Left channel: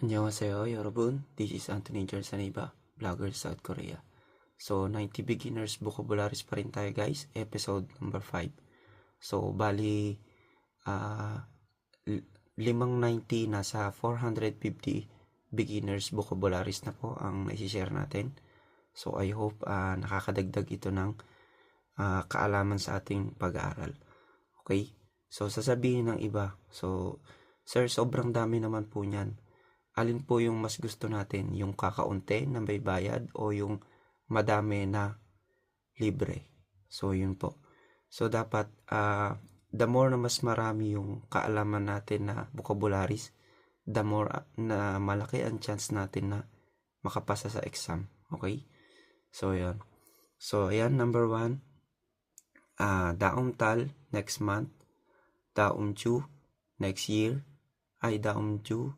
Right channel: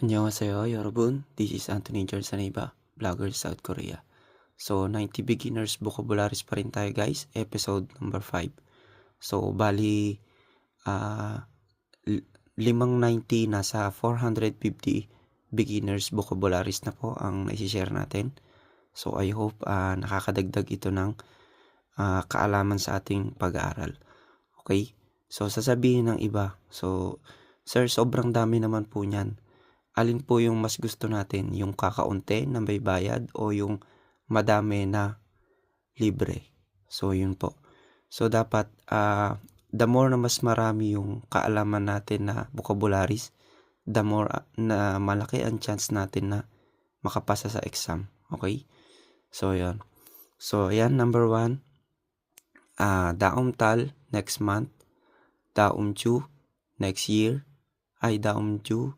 안녕하세요, 여러분. This is Anthony George Saneba, vlogger South Korea. So, 90 beginners vocabularies pa rin tayo, guys. Episode number 5. So, bali, ah, 90 nasa 450 beginners vocabularies na po ang naisishare natin. So, I hope nakakadagdag ito ng kaalaman sa ating pag-aaral. Okay? So, sasabihin ng iba. So, sir, sobrang dami naman po niyan. Alin po yung mas gusto natin? Yung kakaunti na may bayad o yung madami na libre? So, yun po. So, dapat the more na mas marami yung kaalaman natin na vocabularies, the more na malaki ang chance natin na makapasa sa exam. Okay? So, yan. So, yan, number 1. Daum tal next month. Daum chu next year. Ay, daum chu